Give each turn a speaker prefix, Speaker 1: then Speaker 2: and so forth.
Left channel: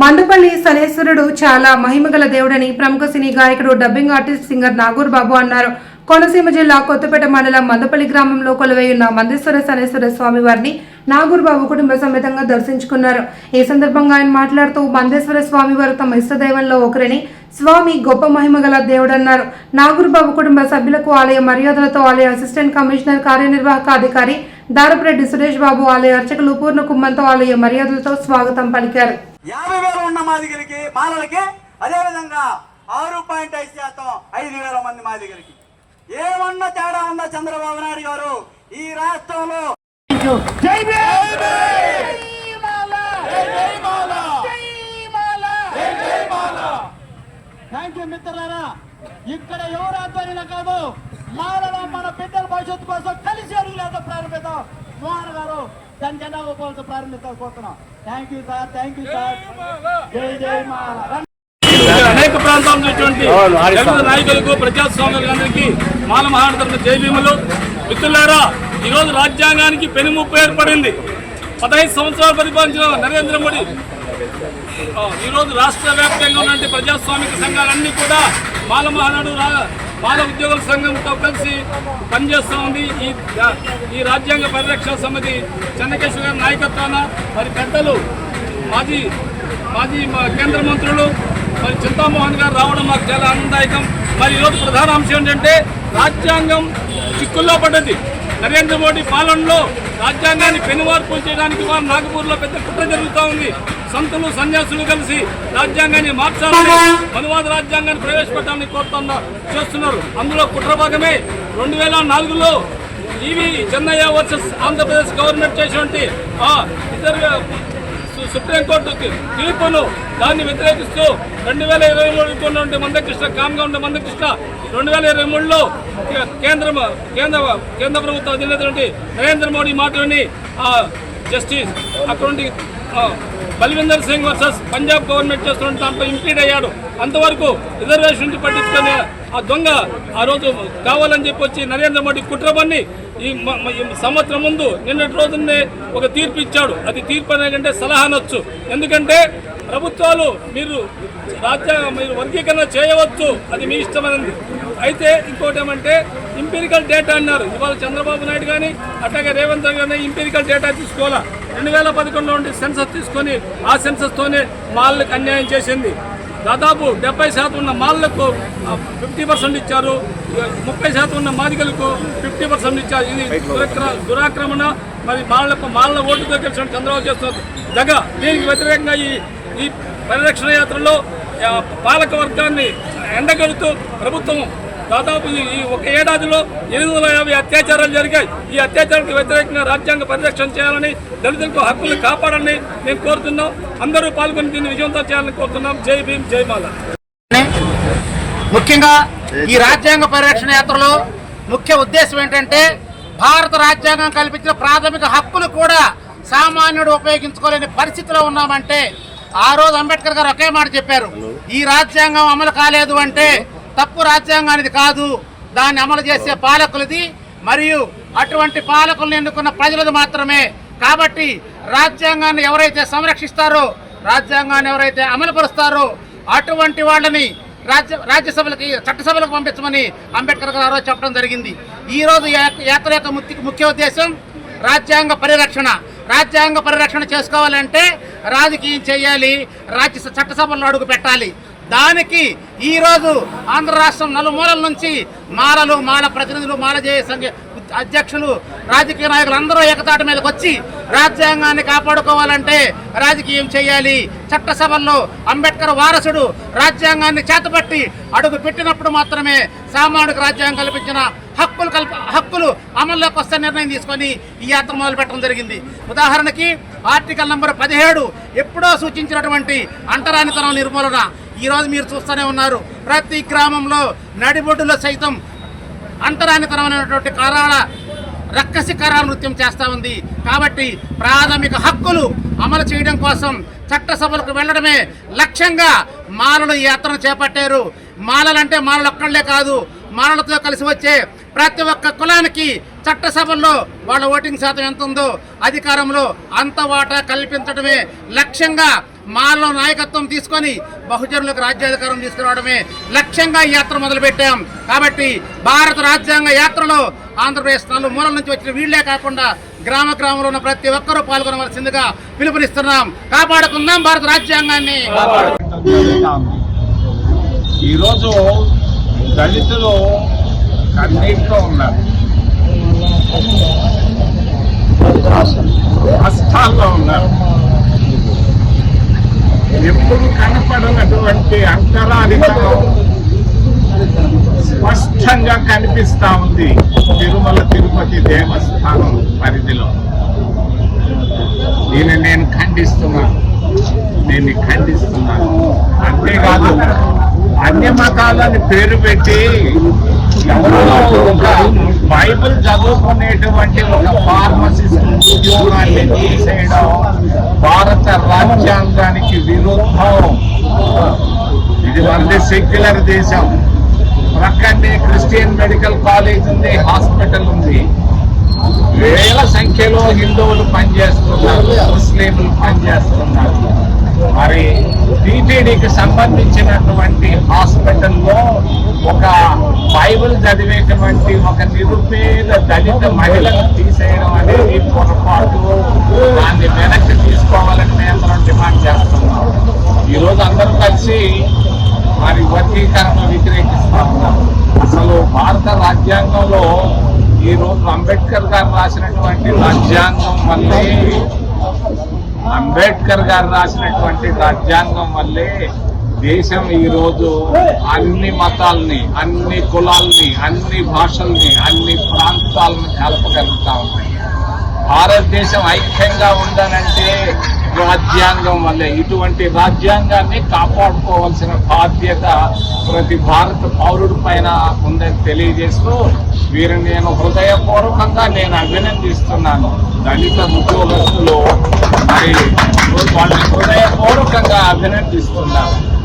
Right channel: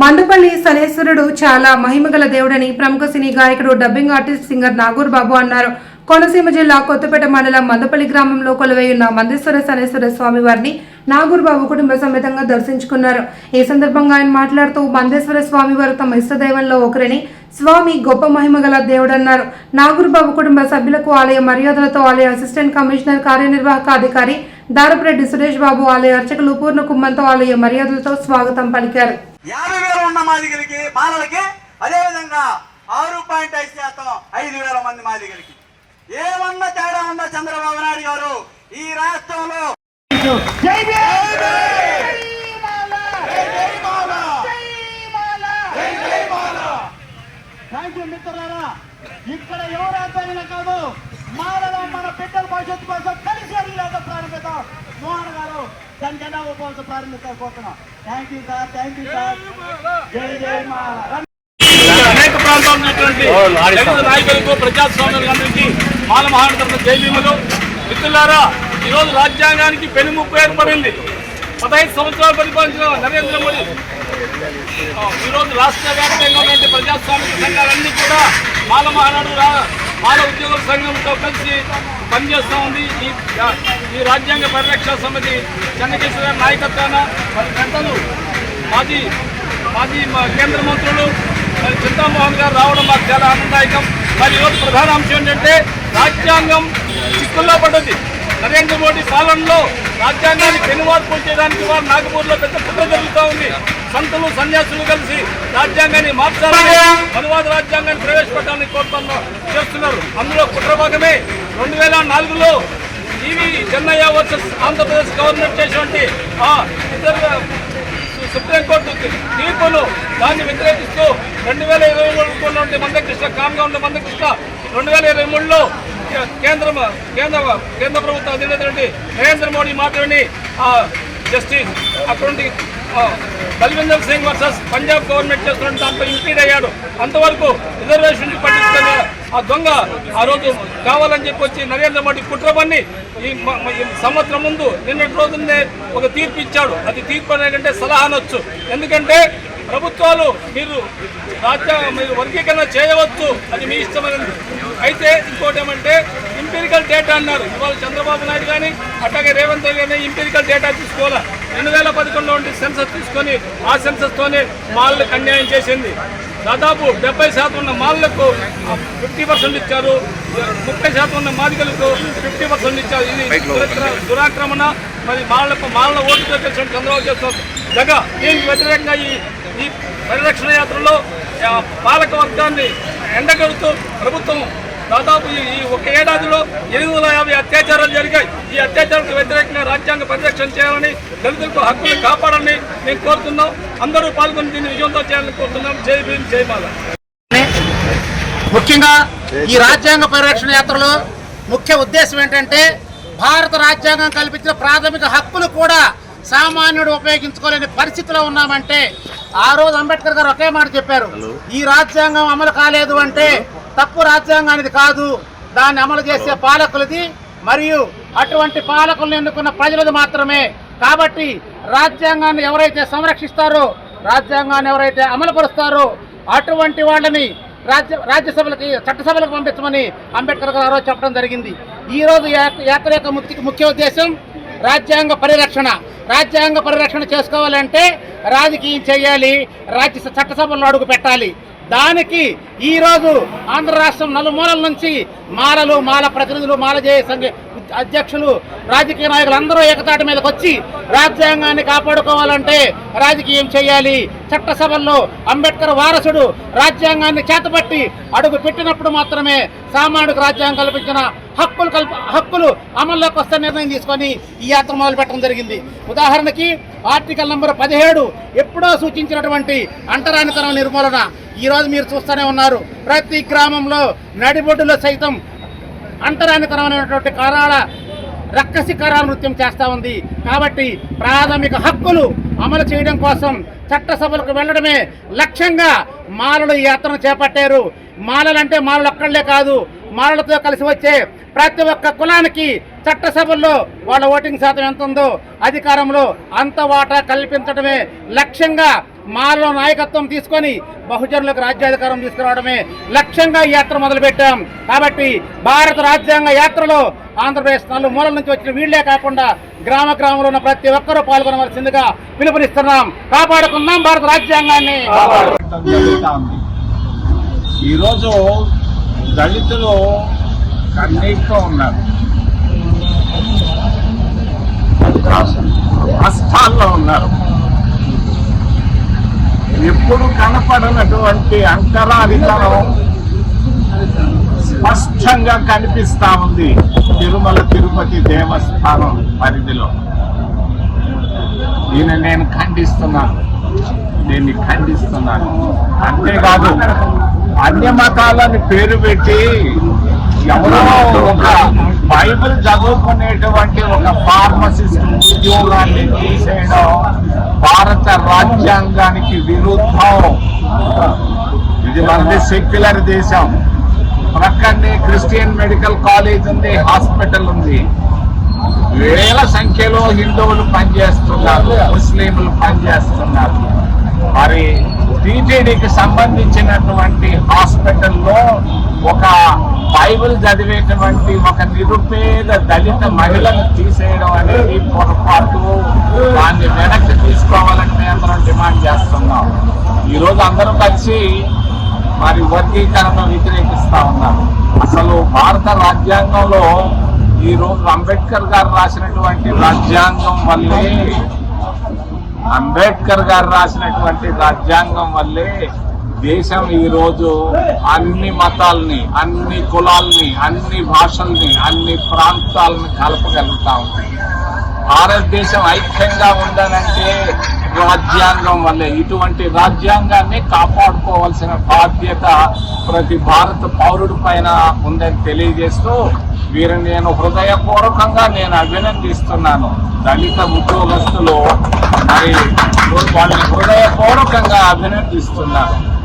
Speaker 1: మందుపల్లి సనేశ్వరుడు చాలా మహిమగల దేవుడని ప్రముఖ సినీ గాయకుడు dubbing artist singer Nagoor Babu అన్నారు. కోనసీమ జిల్లా కొత్తపేట మండలం మందపల్లి గ్రామంలో కొలువైయున్న మందేశ్వర సనేశ్వర స్వామి వారిని నాగూర్ బాబు కుటుంబ సమేతంగా దర్శించుకున్నారు. ఈ సందర్భంగా ఆయన మాట్లాడుతూ మందేశ్వర స్వామి వారు తమ ఇష్టదైవంలో ఒకరిని స్వామి గొప్ప మహిమ గల దేవుడన్నారు. నాగూర్ బాబు కుటుంబ సభ్యులకు ఆలయ మర్యాదలతో ఆలయ అసిస్టెంట్ కమిషనర్ కార్యనిర్వాహక అధికారి దారపురెడ్డి సురేష్ బాబు ఆలయ అర్చకులు పూర్ణ కుమ్మంతో ఆలయ మర్యాదలతో స్వాగతం పలికారు.
Speaker 2: ఉన్న మాదిగలకి బాలలకి అదే విధంగా ఆరు పాయింట్ ఐదు శాతం ఐదు వేల మంది మాదిగలకి. ఏమన్నా తేడా ఉందా చంద్రబాబు నాయుడు గారు? ఈ రాష్ట్రంలో!
Speaker 3: థ్యాంక్ యూ మిత్రులారా ఇక్కడ ఎవరు ఆధ్వర్యంలో కాదు మాలలో మన బిడ్డల భవిష్యత్తు కోసం కలిసి అడుగులేదో ప్రారంభిద్దాం. మోహన్ గారు దాని జెండా ఊపవలసి ప్రారంభించాలనుకుంటున్నాం thank you sir thank you sir జై జై మాల
Speaker 4: అనేక ప్రాంతాల ఉన్నటువంటి దళిత నాయకులకు ప్రజాస్వామ్యులందరికీ మాల మహానగర జైభీములు మిత్రులారా ఈరోజు రాజ్యాంగానికి పెనుముప్పు ఏర్పడింది. పదహైదు సంవత్సరాలు పరిపాలించిన నరేంద్ర మోడీ ఈరోజు రాష్ట్ర వ్యాప్తంగా ఉన్న ప్రజాస్వామిక సంఘాలన్నీ కూడా మాల మహానాడు రా- మాల ఉద్యోగుల సంఘంతో కలిసి పనిచేస్తూ ఉంది. ఈ ఈ రాజ్యాంగ పరిరక్షణ సమితి చెన్నకేశ్వర గారి నాయకత్వాన మరి పెద్దలు మాజీ మాజీ మా కేంద్ర మంత్రులు మరి చింతామోహన్ గారు రావడం మాకు చాలా ఆనందదాయకం. మరి ఈరోజు ప్రధాన అంశం ఏంటంటే రాజ్యాంగం చిక్కుల్లో పడ్డది. నరేంద్ర మోడీ పాలనలో రాజ్యాంగాన్ని పెనుమార్పులు చేయడానికి వారు నాగపూర్లో పెద్ద కుట్ర జరుగుతూ ఉంది. సంతులు సన్యాసులు కలిసి రాజ్యాంగాన్ని మార్చాలని అనువాద రాజ్యాంగాన్ని ప్రవేశపెట్టాలని కోరుతున్న చేస్తున్నారు. అందులో కుట్ర భాగమే రెండు వేల నాలుగులో EV Chinnaiah versus Andhra Pradesh government చేసినటువంటి ఆ ఇద్దరు సుప్రీంకోర్టు తీర్పును దాన్ని వ్యతిరేకిస్తూ రెండు వేల ఇరవై మూడు ఉన్నటువంటి మందకృష్ణ కామ్గా ఉండే మందకృష్ణ రెండు వేల ఇరవై మూడులో కేంద్ర కేంద్ర కేంద్ర ప్రభుత్వ అధినేత నరేంద్ర మోడీ మాట్లాడి జస్టిస్ అటువంటి ఆ, బల్విందర్ సింగ్ వర్సెస్ పంజాబ్ గవర్నమెంట్ చేస్తున్న దాంట్లో ఇంప్లీడ్ అయ్యాడు. అంతవరకు రిజర్వేషన్ నుంచి పట్టించుకునే ఆ దొంగ ఆ రోజు కావాలని చెప్పి వచ్చి నరేంద్ర మోడీ కుట్రబన్ని ఈ మ- ఈ సంవత్సరం ముందు నిన్నటి రోజునే ఒక తీర్పు ఇచ్చాడు. అది తీర్పు అనేకంటే సలహా అనొచ్చు ఎందుకంటే ప్రభుత్వాలు మీరు రాజ్య మీరు వర్గీకరణ చేయవచ్చు. అది మీ ఇష్టమైనది. అయితే ఇంకోటి ఏమంటే ఇంపెరికల్ డేటా అన్నారు. ఇవాళ చంద్రబాబు నాయుడు కానీ అట్లాగే రేవంత్ రెడ్డి కానీ ఇంపెరికల్ డేటా తీసుకోవాలా? రెండు వేల పదకొండులో ఉండే సెన్సస్ తీసుకొని ఆ సెన్సస్తోనే వాళ్ళకి అన్యాయం చేసింది. దాదాపు డెబ్బై శాతం ఉన్న మాలకు ఫిఫ్టీ పర్సెంట్ ఇచ్చారు. ముప్పై శాతం ఉన్న మాదిగలకు ఫిఫ్టీ పర్సెంట్ ఇచ్చారు. ఇది దురాక్ర- దురాక్రమణ. మరి మాళ్ళ మాళ్ళ ఓటుతో తెలిసిన చంద్రబాబు చేస్తున్నారు. జగ దీనికి వ్యతిరేకంగా ఈ ఈ పరిరక్షణ యాత్రలో పాలక వర్గాన్ని ఎండగలుగుతూ ప్రభుత్వం దాదాపు ఈ ఒక ఏడాదిలో ఎనిమిది వందల యాభై అత్యాచారాలు జరిగాయి. ఈ అత్యాచారాలకు వ్యతిరేకంగా రాజ్యాంగ పరిరక్షణ చేయాలని దళితులకు హక్కులు కాపాడాలని మేము కోరుతున్నాం. అందరూ పాల్గొని దీన్ని విజయంతో చేయాలని కోరుతున్నాం. జై భీమ్ జై మాల
Speaker 5: ముఖ్యంగా ఈ రాజ్యాంగ పరిరక్షణ యాత్రలో ముఖ్య ఉద్దేశం ఏంటంటే భారత రాజ్యాంగం కల్పించిన ప్రాథమిక హక్కులు కూడా సామాన్యుడు ఉపయోగించుకోలేని పరిస్థితిలో ఉన్నామంటే ఆ రోజు అంబేద్కర్ గారు ఒకే మాట చెప్పారు. ఈ రాజ్యాంగం అమలు కాలేదు అంటే తప్పు రాజ్యాంగానిది కాదు. దాన్ని అమలు చేసే పాలకులది. మరియు అటువంటి పాలకులను ఎన్నుకున్న ప్రజలది మాత్రమే. కాబట్టి రాజ్యాంగాన్ని ఎవరైతే సంరక్షిస్తారో రాజ్యాంగాన్ని ఎవరైతే అమలుపరుస్తారో అటువంటి వాళ్ళని రాజ్య రాజ్యసభలకి చట్టసభలకు పంపించమని అంబేద్కర్ గారు చెప్పడం జరిగింది. ఈరోజు యాత్ర యొక్క ముఖ్య ముఖ్య ఉద్దేశం రాజ్యాంగ పరిరక్షణ. రాజ్యాంగ పరిరక్షణ చేసుకోవాలంటే రాజకీయం చేయాలి. రాజ్య చట్టసభలను అడుగు పెట్టాలి దానికి ఈ రోజు ఆంధ్ర రాష్ట్రం నలుమూలల నుంచి మాలలు మాల ప్రతినిధులు మాలజేయ సంఘ అధ్యక్షులు రాజకీయ నాయకులు అందరూ ఏకతాటి మీదకి వచ్చి రాజ్యాంగాన్ని కాపాడుకోవాలంటే రాజకీయం చేయాలి. చట్టసభల్లో అంబేద్కర్ వారసుడు రాజ్యాంగాన్ని చేతపట్టి అడుగు పెట్టినప్పుడు మాత్రమే సామాన్యుడికి రాజ్యాంగం కల్పించిన హక్కులు కల్ప హక్కులు అమల్లోకి వస్తే నిర్ణయం తీసుకొని ఈ యాత్ర మొదలు పెట్టడం జరిగింది. ఉదాహరణకి ఆర్టికల్ నెంబర్ పదిహేడు ఎప్పుడో సూచించినటువంటి అంటరానితనం నిర్మూలన ఈ రోజు మీరు చూస్తూనే ఉన్నారు. ప్రతి గ్రామంలో నడిబొడ్డులో సైతం అంతరానికరమైనటువంటి కారాల రక్కసి కారాల నృత్యం చేస్తూ ఉంది. కాబట్టి ప్రాథమిక హక్కులు అమలు చేయడం కోసం చట్టసభలకు వెళ్ళడమే లక్ష్యంగా మాలలు ఈ యాత్రను చేపట్టారు. మాలలంటే మాలలు ఒక్కళ్ళే కాదు. మాలలతో కలిసి వచ్చే ప్రతి ఒక్క కులానికి చట్టసభల్లో వాళ్ళ ఓటింగ్ శాతం ఎంత ఉందో అధికారంలో అంత వాటా కల్పించడమే లక్ష్యంగా మాలో నాయకత్వం తీసుకొని బహుజనులకు రాజ్యాధికారం తీసుకురావడమే లక్ష్యంగా ఈ యాత్ర మొదలుపెట్టాం. కాబట్టి భారత రాజ్యాంగ యాత్రలో ఆంధ్రప్రదేశ్ నలు మూలల నుంచి వచ్చిన వీళ్ళే కాకుండా గ్రామ గ్రామంలో ఉన్న ప్రతి ఒక్కరూ పాల్గొనవలసిందిగా పిలుపునిస్తున్నాం. కాపాడుకుందాం భారత రాజ్యాంగాన్ని.
Speaker 6: ఈరోజు దళితులు కన్నీటితో ఉన్నారు. కష్టాల్లో ఉన్నారు. ఎప్పుడు కనపడనటువంటి అంతరాధికం స్పష్టంగా కనిపిస్తా ఉంది. తిరుమల తిరుపతి దేవస్థానం పరిధిలో. దీన్ని నేను ఖండిస్తున్నాను. దీన్ని ఖండిస్తున్నాను. అంతేకాదు అన్య మతాలని పేరు పెట్టి ఎవరో ఒక బైబిల్ చదువుకునేటువంటి ఒక ఫార్మ్ ఉద్యోగాన్ని తీసేయడం భారత రాజ్యాంగానికి విరుద్ధం. ఇది మనది సెక్యులర్ దేశం. ప్రక్కనే క్రిస్టియన్ మెడికల్ కాలేజ్ ఉంది హాస్పిటల్ ఉంది. వేల సంఖ్యలో హిందువులు పనిచేస్తున్నారు ముస్లింలు పనిచేస్తున్నారు. మరి టీటీడీకి సంబంధించినటువంటి హాస్పిటల్లో ఒక బైబిల్ చదివేటువంటి ఒక నిరుపేద దళిత మహిళను తీసేయడం అనేది పొరపాటు. దాన్ని వెనక్కి తీసుకోవాలని మేము అందరం డిమాండ్ చేస్తున్నాం. ఈరోజు అందరం కలిసి మరి వర్గీకరణ వ్యతిరేకిస్తా ఉన్నారు. అసలు భారత రాజ్యాంగంలో ఈ రోజు అంబేద్కర్ గారు రాసినటువంటి రాజ్యాంగం వల్లే అంబేద్కర్ గారు రాసినటువంటి రాజ్యాంగం వల్లే దేశం ఈరోజు అన్ని మతాల్ని అన్ని కులాల్ని అన్ని భాషల్ని అన్ని ప్రాంతాలను కలపగలుగుతా ఉంది. భారతదేశం ఐక్యంగా ఉందనంటే రాజ్యాంగం వల్లే ఇటువంటి రాజ్యాంగాన్ని కాపాడుకోవాల్సిన బాధ్యత ప్రతి భారత పౌరుడి పైన ఉందని తెలియజేస్తూ వీరిని నేను హృదయపూర్వకంగా నేను అభినందిస్తున్నాను. దళిత ఉద్యోగస్తులు మరి వాళ్ళని హృదయపూర్వకంగా అభినందిస్తున్నాను